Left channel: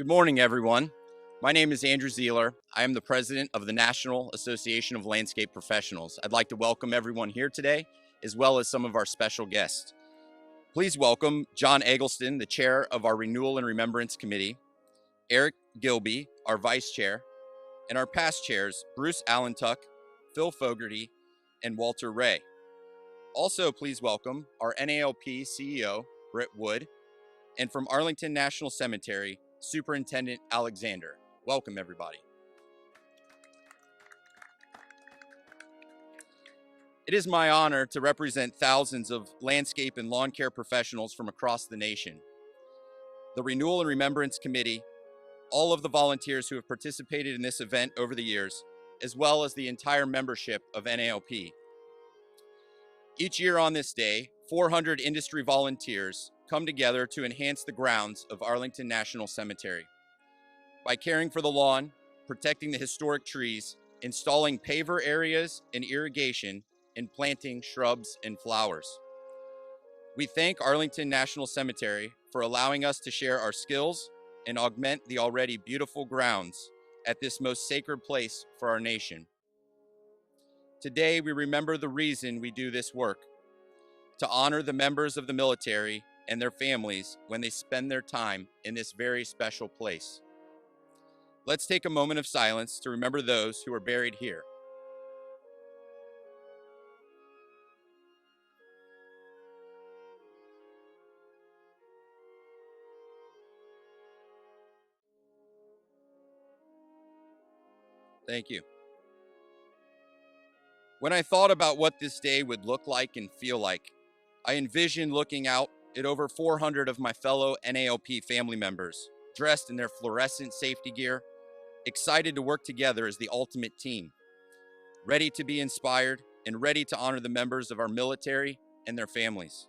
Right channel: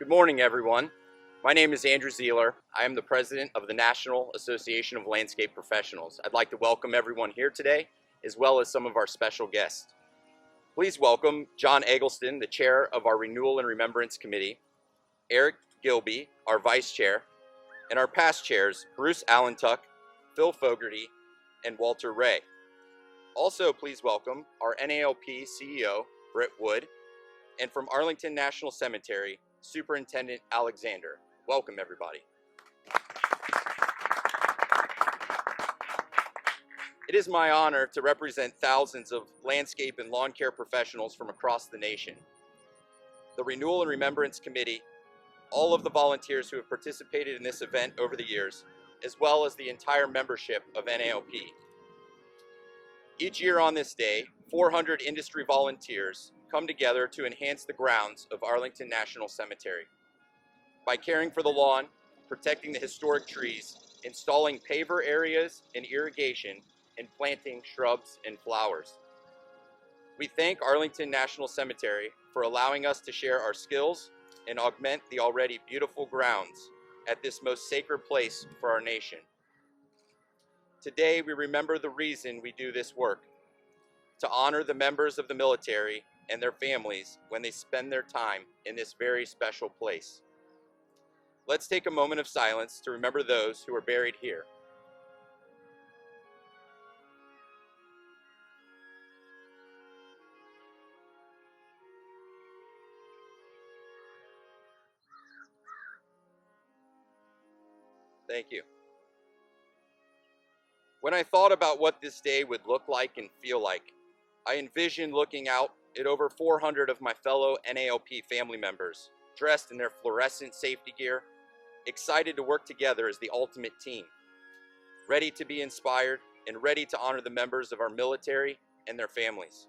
Good morning, everyone. My name is Andrew Zeeler. I am the president of the National Association of Landscape Professionals. I'd like to welcome everyone here today, as well as some of our special guests. Please welcome John Eggleston, the chair of our Renewal and Remembrance Committee, Eric Gilby, our vice chair, and our past chairs, Bruce Allentuck, Phil Fogarty, and Walter Ray. Also, please welcome our NALP CEO, Britt Wood, and from Arlington National Cemetery, Superintendent Alexander. Welcome, everybody. It is my honor to represent thousands of landscape and lawn care professionals from across the nation. The Renewal and Remembrance Committee, all of the volunteers who have participated in this event over the years, as well as the entire membership of NALP. Each year on this day, 400 industry volunteers come together to enhance the grounds of Arlington National Cemetery by caring for the lawn, protecting the historic trees, installing paver areas and irrigation, and planting shrubs and flowers. We thank Arlington National Cemetery for allowing us to share our skills and augment the already beautiful grounds at this most sacred place for our nation. Today, we remember the reason we do this work: to honor the members of the military and their families when they spend their time in this very special place. Let's take a moment of silence to remember those who are buried here. Thank you. When I thought about what this day would look like and feel like, I envisioned looking out at over 400 of my fellow NALP family members, dressed in their fluorescent safety gear, excited to work together as the ultimate team, ready to be inspired and ready to honor the members of our military and their families.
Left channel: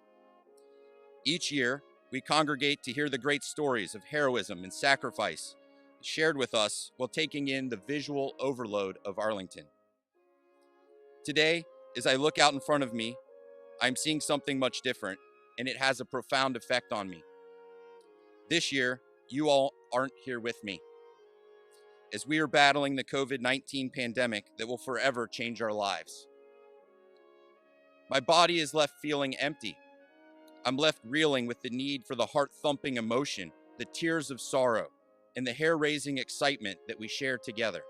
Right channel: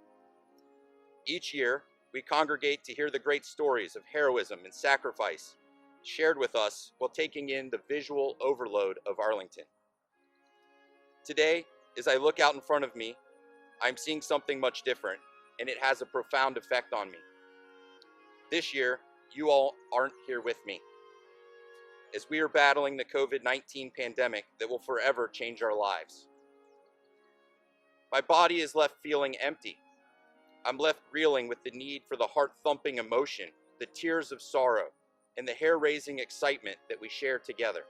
Each year, we congregate to hear the great stories of heroism and sacrifice shared with us while taking in the visual overload of Arlington. Today, as I look out in front of me, I'm seeing something much different, and it has a profound effect on me. This year, you all aren't here with me, as we are battling the COVID-19 pandemic that will forever change our lives. My body is left feeling empty. I'm left reeling with the need for the heart-thumping emotion, the tears of sorrow, and the hair-raising excitement that we share together.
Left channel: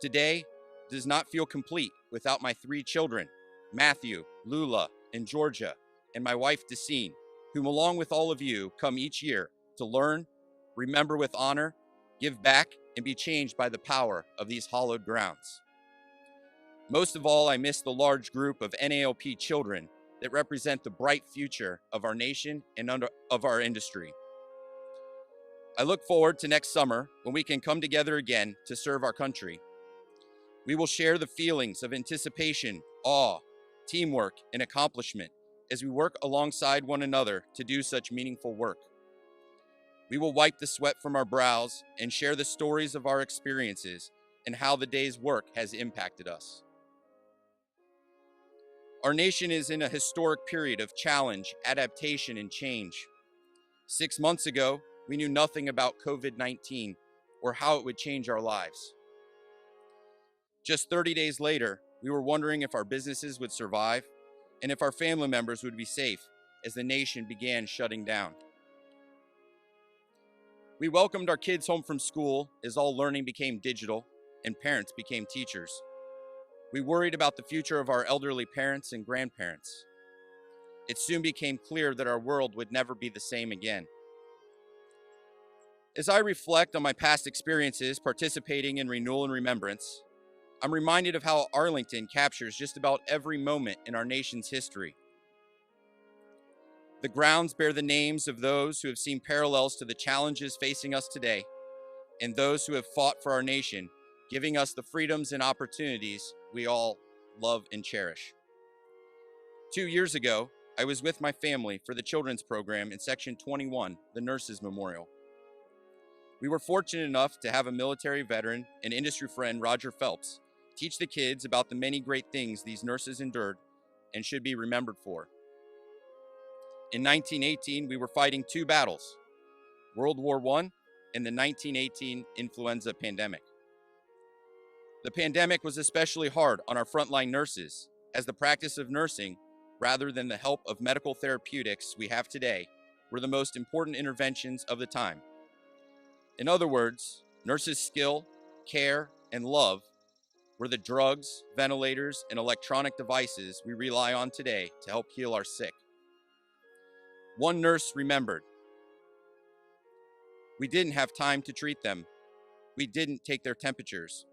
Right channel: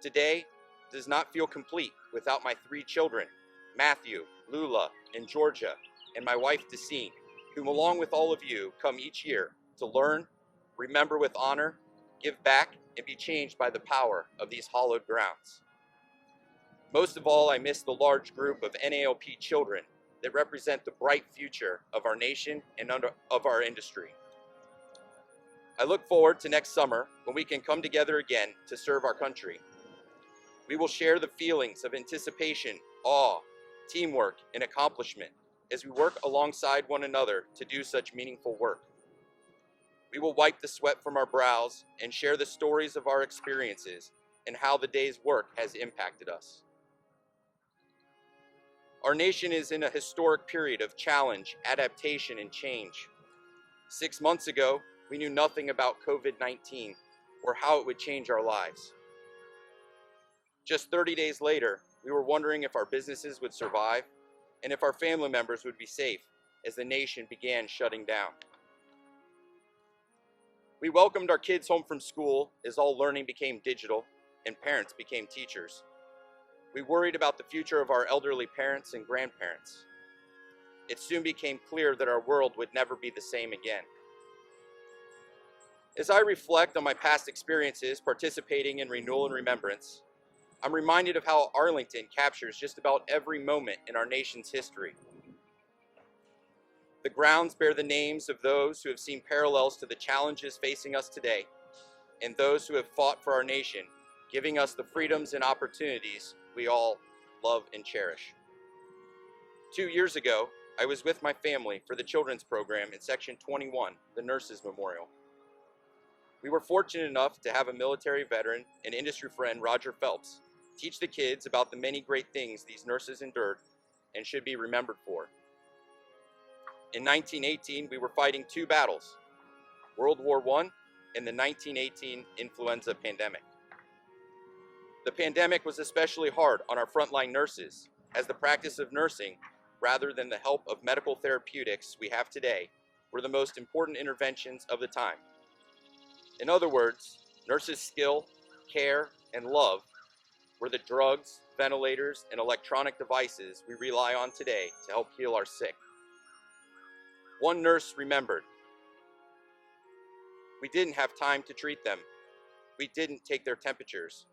Today does not feel complete without my 3 children, Matthew, Lula, and Georgia, and my wife, Dacine, whom along with all of you come each year to learn, remember with honor, give back, and be changed by the power of these hallowed grounds. Most of all, I miss the large group of NALP children that represent the bright future of our nation and of our industry. I look forward to next summer when we can come together again to serve our country. We will share the feelings of anticipation, awe, teamwork, and accomplishment as we work alongside one another to do such meaningful work. We will wipe the sweat from our brows and share the stories of our experiences and how the day's work has impacted us. Our nation is in a historic period of challenge, adaptation, and change. 6 months ago, we knew nothing about COVID-19 or how it would change our lives. Just 30 days later, we were wondering if our businesses would survive and if our family members would be safe as the nation began shutting down. We welcomed our kids home from school as all learning became digital and parents became teachers. We worried about the future of our elderly parents and grandparents. It soon became clear that our world would never be the same again. As I reflect on my past experiences participating in Renewal and Remembrance, I'm reminded of how Arlington captures just about every moment in our nation's history. The grounds bear the names of those who have seen parallels to the challenges facing us today, and those who have fought for our nation, giving us the freedoms and opportunities we all love and cherish. 2 years ago, I was with my family for the children's program in Section 21, the Nurses Memorial. We were fortunate enough to have a military veteran and industry friend, Roger Phelps, teach the kids about the many great things these nurses endured and should be remembered for. In 1918, we were fighting 2 battles, World War I and the 1918 influenza pandemic. The pandemic was especially hard on our frontline nurses, as the practice of nursing, rather than the help of medical therapeutics we have today, were the most important interventions of the time. In other words, nurses' skill, care, and love were the drugs, ventilators, and electronic devices we rely on today to help heal our sick. One nurse remembered, "We didn't have time to treat them. We didn't take their temperatures.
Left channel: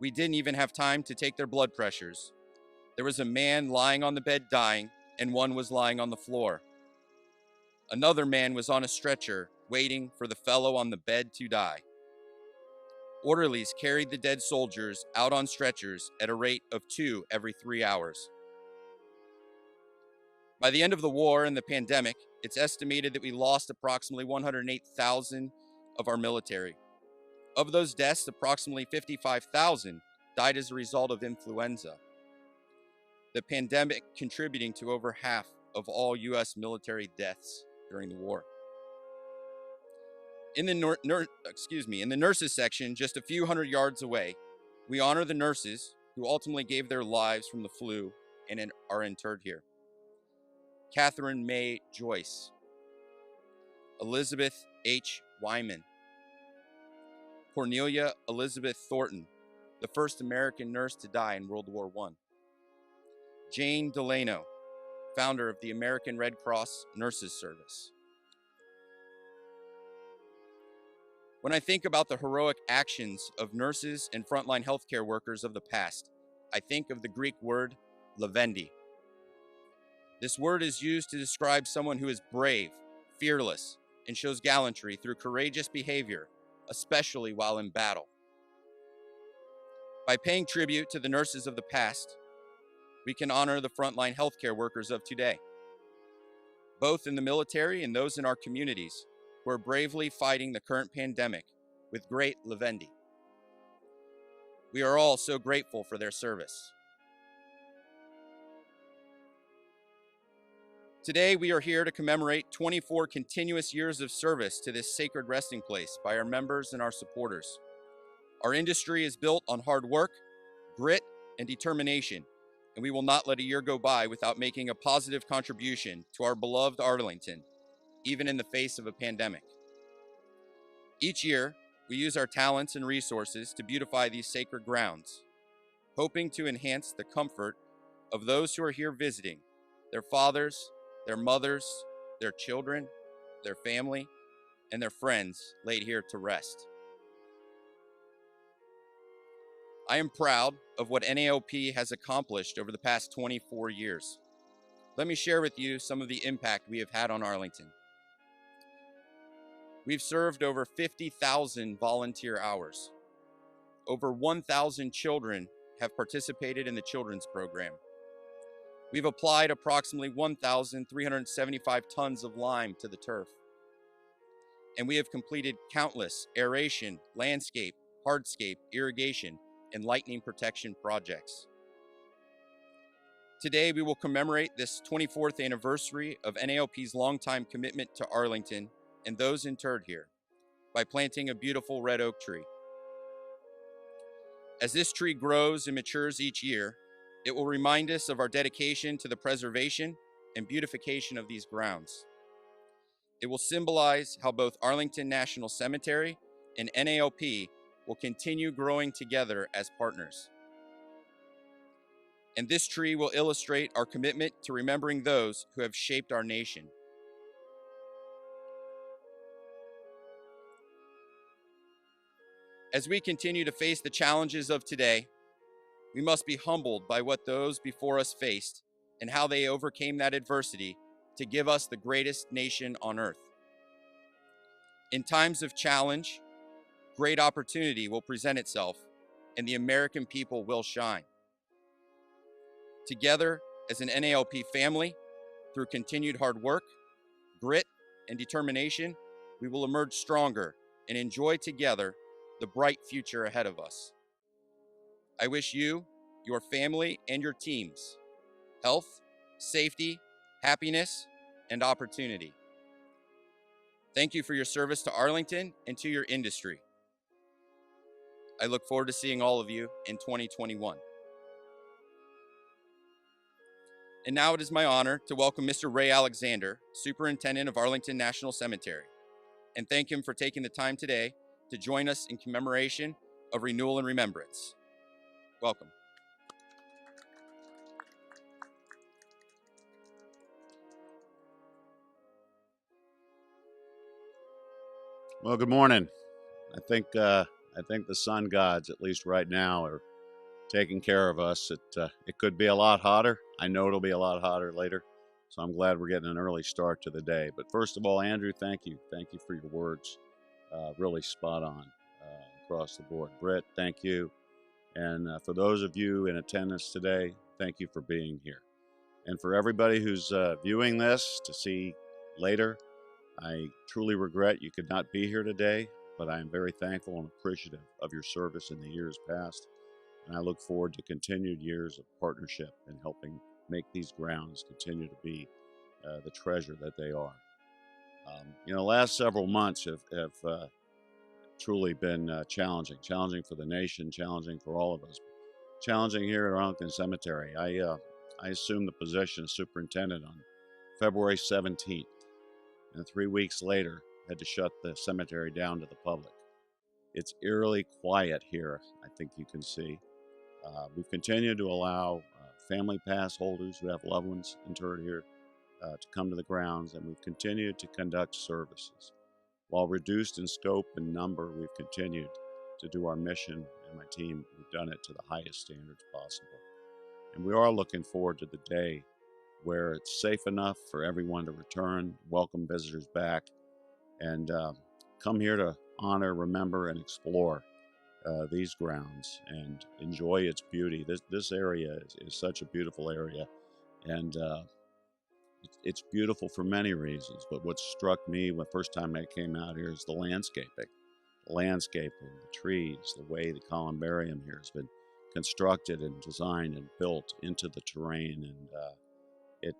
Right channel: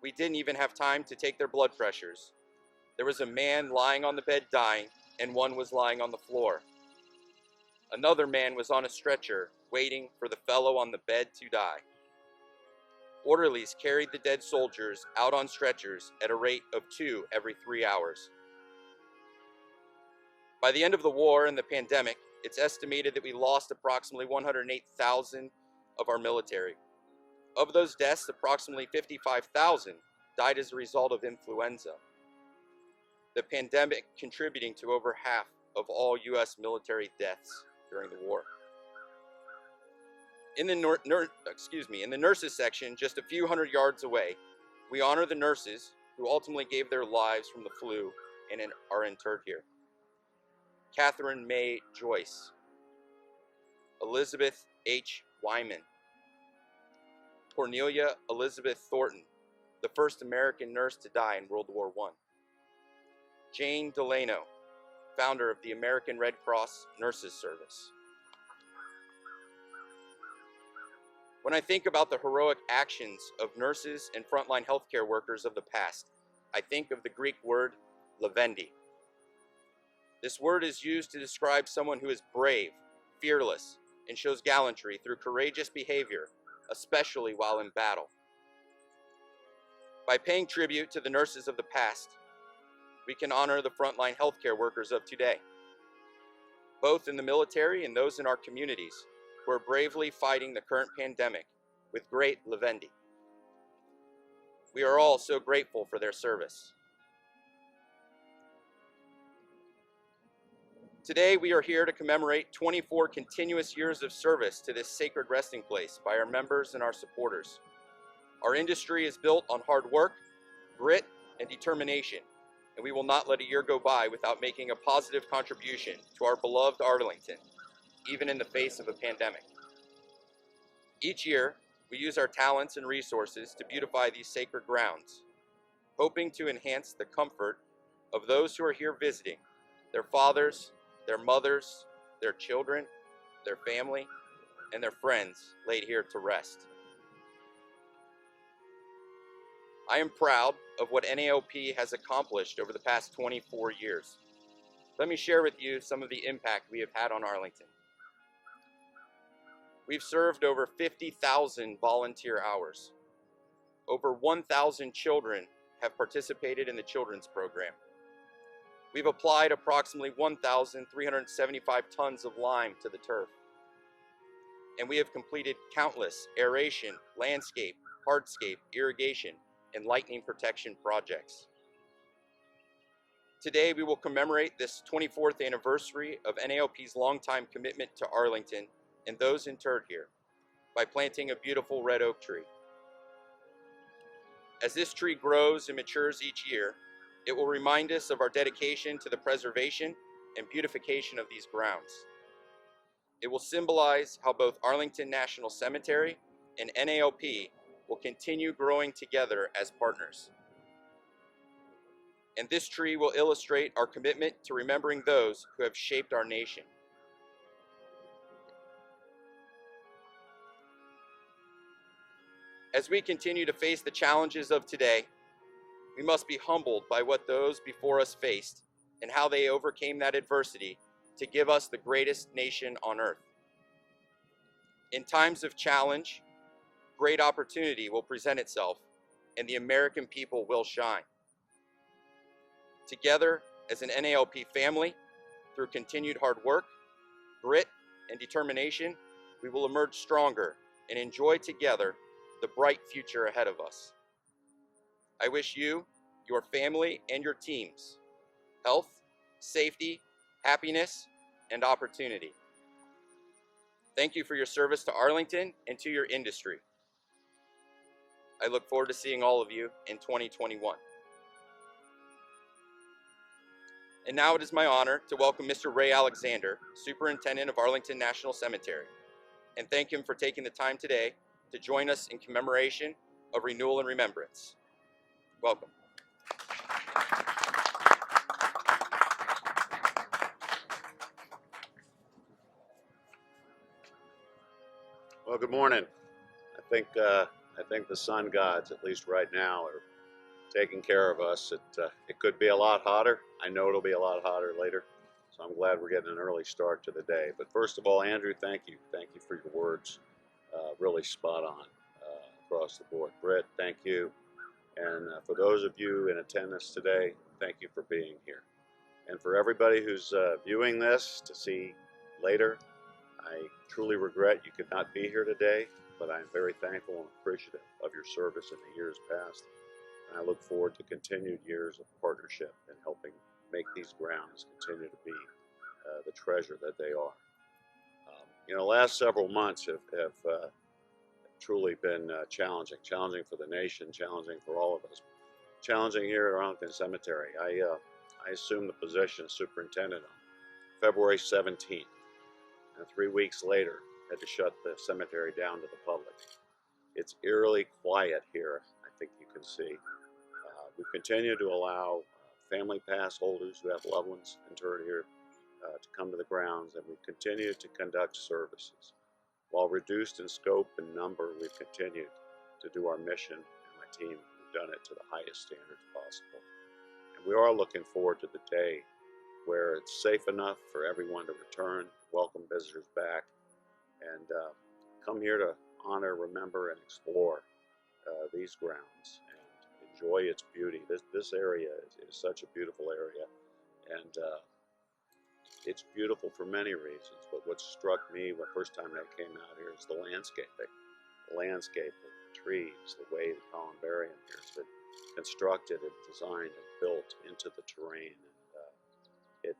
We didn't even have time to take their blood pressures. There was a man lying on the bed dying, and one was lying on the floor. Another man was on a stretcher, waiting for the fellow on the bed to die. Orderlies carried the dead soldiers out on stretchers at a rate of 2 every 3 hours. By the end of the war and the pandemic, it's estimated that we lost approximately 108,000 of our military. Of those deaths, approximately 55,000 died as a result of influenza, the pandemic contributing to over half of all U.S. military deaths during the war. In the nurses section, just a few hundred yards away, we honor the nurses who ultimately gave their lives from the flu and are interred here. Catherine May Joyce, Elizabeth H. Wyman, Cornelia Elizabeth Thornton, the first American nurse to die in World War I. Jane Delano, founder of the American Red Cross Nurses Service. When I think about the heroic actions of nurses and frontline healthcare workers of the past, I think of the Greek word levendi. This word is used to describe someone who is brave, fearless, and shows gallantry through courageous behavior, especially while in battle. By paying tribute to the nurses of the past, we can honor the frontline healthcare workers of today, both in the military and those in our communities who are bravely fighting the current pandemic with great levendi. We are all so grateful for their service. Today, we are here to commemorate 24 continuous years of service to this sacred resting place by our members and our supporters. Our industry is built on hard work, grit, and determination, and we will not let a year go by without making a positive contribution to our beloved Arlington, even in the face of a pandemic. Each year, we use our talents and resources to beautify these sacred grounds, hoping to enhance the comfort of those who are here visiting, their fathers, their mothers, their children, their family, and their friends laid here to rest. I am proud of what NAOP has accomplished over the past 24 years. Let me share with you some of the impact we have had on Arlington. We've served over 50,000 volunteer hours. Over 1,000 children have participated in the children's program. We've applied approximately 1,375 tons of lime to the turf. And we have completed countless aeration, landscape, hardscape, irrigation, and lightning protection projects. Today, we will commemorate this 24th anniversary of NAOP's longtime commitment to Arlington and those interred here by planting a beautiful red oak tree. As this tree grows and matures each year, it will remind us of our dedication to the preservation and beautification of these grounds. It will symbolize how both Arlington National Cemetery and NAOP will continue growing together as partners. And this tree will illustrate our commitment to remembering those who have shaped our nation. As we continue to face the challenges of today, we must be humbled by what those before us faced and how they overcame that adversity to give us the greatest nation on earth. In times of challenge, great opportunity will present itself and the American people will shine. Together as an NALP family, through continued hard work, grit, and determination, we will emerge stronger and enjoy together the bright future ahead of us. I wish you, your family, and your teams health, safety, happiness, and opportunity. Thank you for your service to Arlington and to your industry. I look forward to seeing all of you in 2021. And now it is my honor to welcome Mr. Ray Alexander, Superintendent of Arlington National Cemetery, and thank him for taking the time today to join us in commemoration of Renewal and Remembrance. Welcome. Well, good morning. I think the sun gods, at least right now, are taking care of us. It could be a lot hotter. I know it'll be a lot hotter later, so I'm glad we're getting an early start to the day. But first of all, Andrew, thank you for your words. Really spot on across the board. Britt, thank you. And for those of you in attendance today, thank you for being here. And for everybody who's viewing this to see later, I truly regret you could not be here today, but I am very thankful and appreciative of your service in the years past, and I look forward to continued years of partnership and helping make these grounds continue to be the treasure that they are. The last several months have truly been challenging for the nation, challenging for all of us, challenging here at Arlington Cemetery. I assumed the position of superintendent on February 17th. And 3 weeks later, had to shut the cemetery down to the public. It's eerily quiet here, I think you can see. We've continued to allow family pass holders who have loved ones interred here to come to the grounds, and we've continued to conduct services. While reduced in scope and number, we've continued to do our mission, and my team, we've done it to the highest standards possible. And we are looking forward to the day where it's safe enough for everyone to return, welcome visitors back, and come here to honor, remember, and explore these grounds and enjoy its beauty. This area is such a beautiful area, and it's beautiful for many reasons, but what struck me the first time I came out here is the landscaping. The trees, the way the columbarium here has been constructed and designed and built into the terrain, and it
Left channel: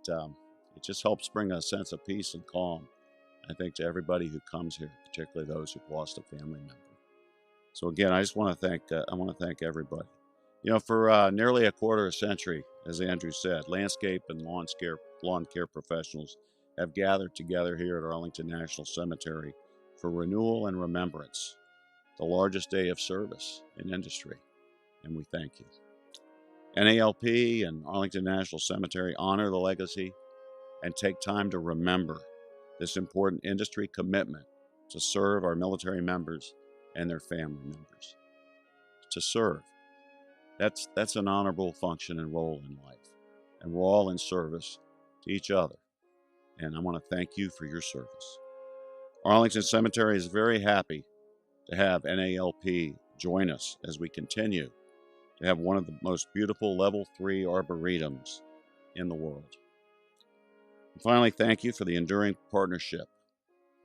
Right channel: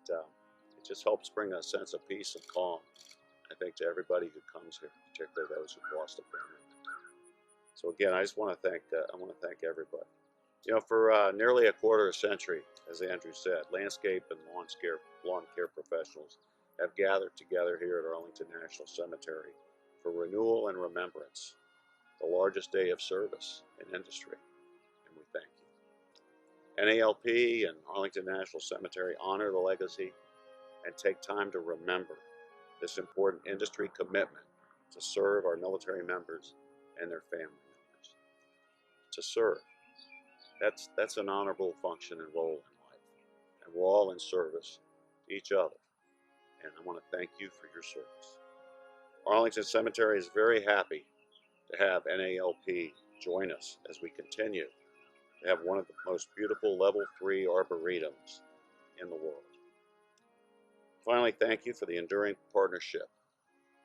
just helps bring a sense of peace and calm, I think, to everybody who comes here, particularly those who've lost a family member. So again, I just want to thank everybody. For nearly a quarter century, as Andrew said, landscape and lawn care professionals have gathered together here at Arlington National Cemetery for Renewal and Remembrance, the largest day of service in industry, and we thank you. NALP and Arlington National Cemetery honor the legacy and take time to remember this important industry commitment to serve our military members and their family members. To serve, that's an honorable function and role in life, and we're all in service to each other, and I want to thank you for your service. Arlington Cemetery is very happy to have NALP join us as we continue to have one of the most beautiful level 3 arboretums in the world. And finally, thank you for the enduring partnership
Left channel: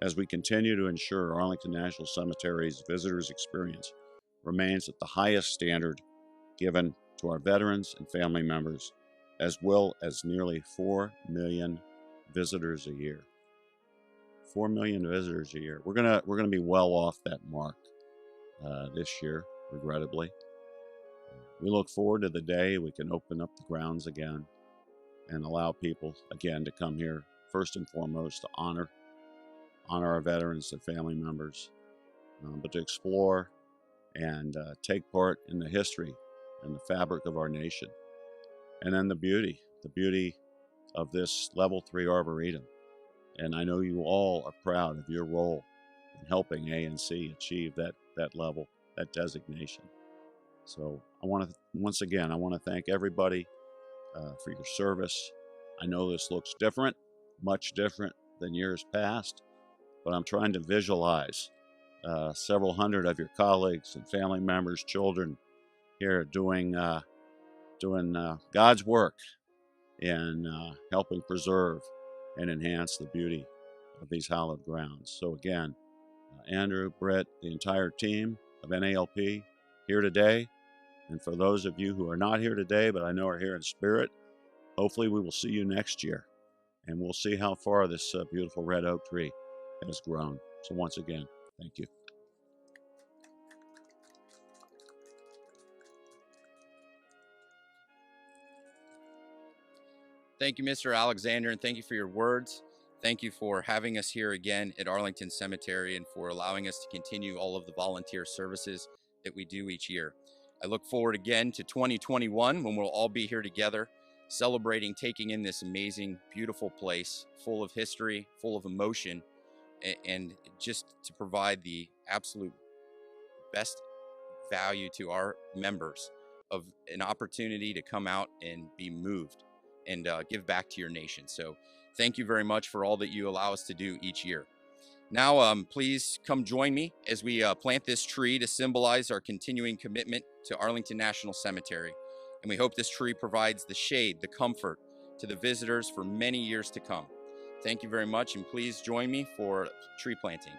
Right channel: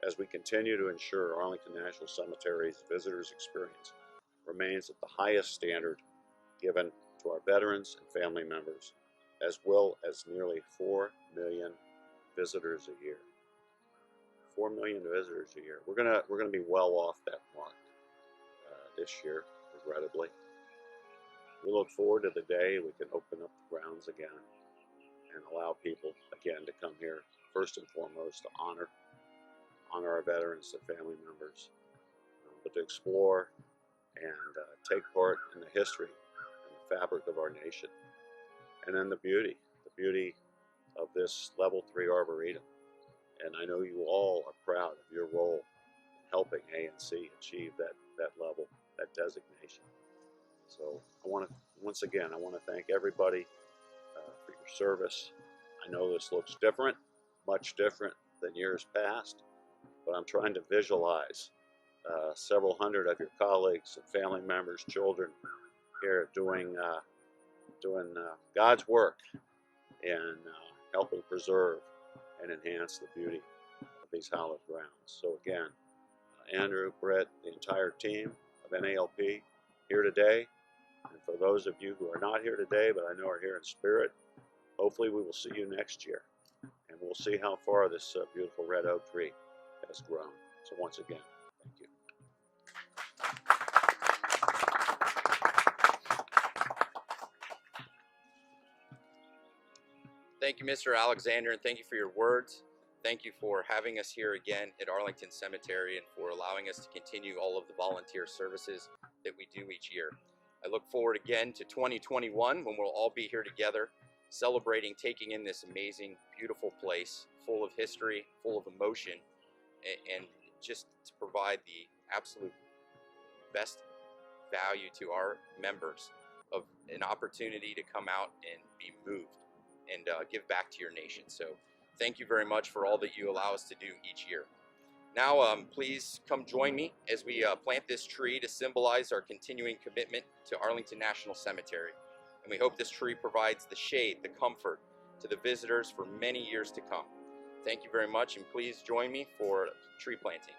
as we continue to ensure Arlington National Cemetery's visitors' experience remains at the highest standard given to our veterans and family members, as well as nearly 4 million visitors a year. 4 million visitors a year. We're gonna be well off that mark this year, regrettably. We look forward to the day we can open up the grounds again and allow people again to come here first and foremost to honor our veterans, their family members, but to explore and take part in the history and the fabric of our nation, and then the beauty of this level 3 arboretum. And I know you all are proud of your role in helping ANC achieve that level, that designation. So once again, I want to thank everybody for your service. I know this looks different, much different than years past, but I'm trying to visualize several hundred of your colleagues and family members, children here doing God's work in helping preserve and enhance the beauty of these hallowed grounds. So again, Andrew, Brett, the entire team of NALP here today. And for those of you who are not here today, but I know are here in spirit, hopefully we will see you next year. And we'll see how far this beautiful red oak tree has grown. So once again, thank you. Thank you, Mr. Alexander, and thank you for your words. Thank you for having us here again at Arlington Cemetery and for allowing us to continue all of the volunteer services that we do each year. I look forward again to 2021 when we'll all be here together celebrating taking in this amazing, beautiful place full of history, full of emotion, and just to provide the absolute best value to our members of an opportunity to come out and be moved and give back to your nation. So thank you very much for all that you allow us to do each year. Now, please come join me as we plant this tree to symbolize our continuing commitment to Arlington National Cemetery. And we hope this tree provides the shade, the comfort to the visitors for many years to come. Thank you very much, and please join me for tree planting.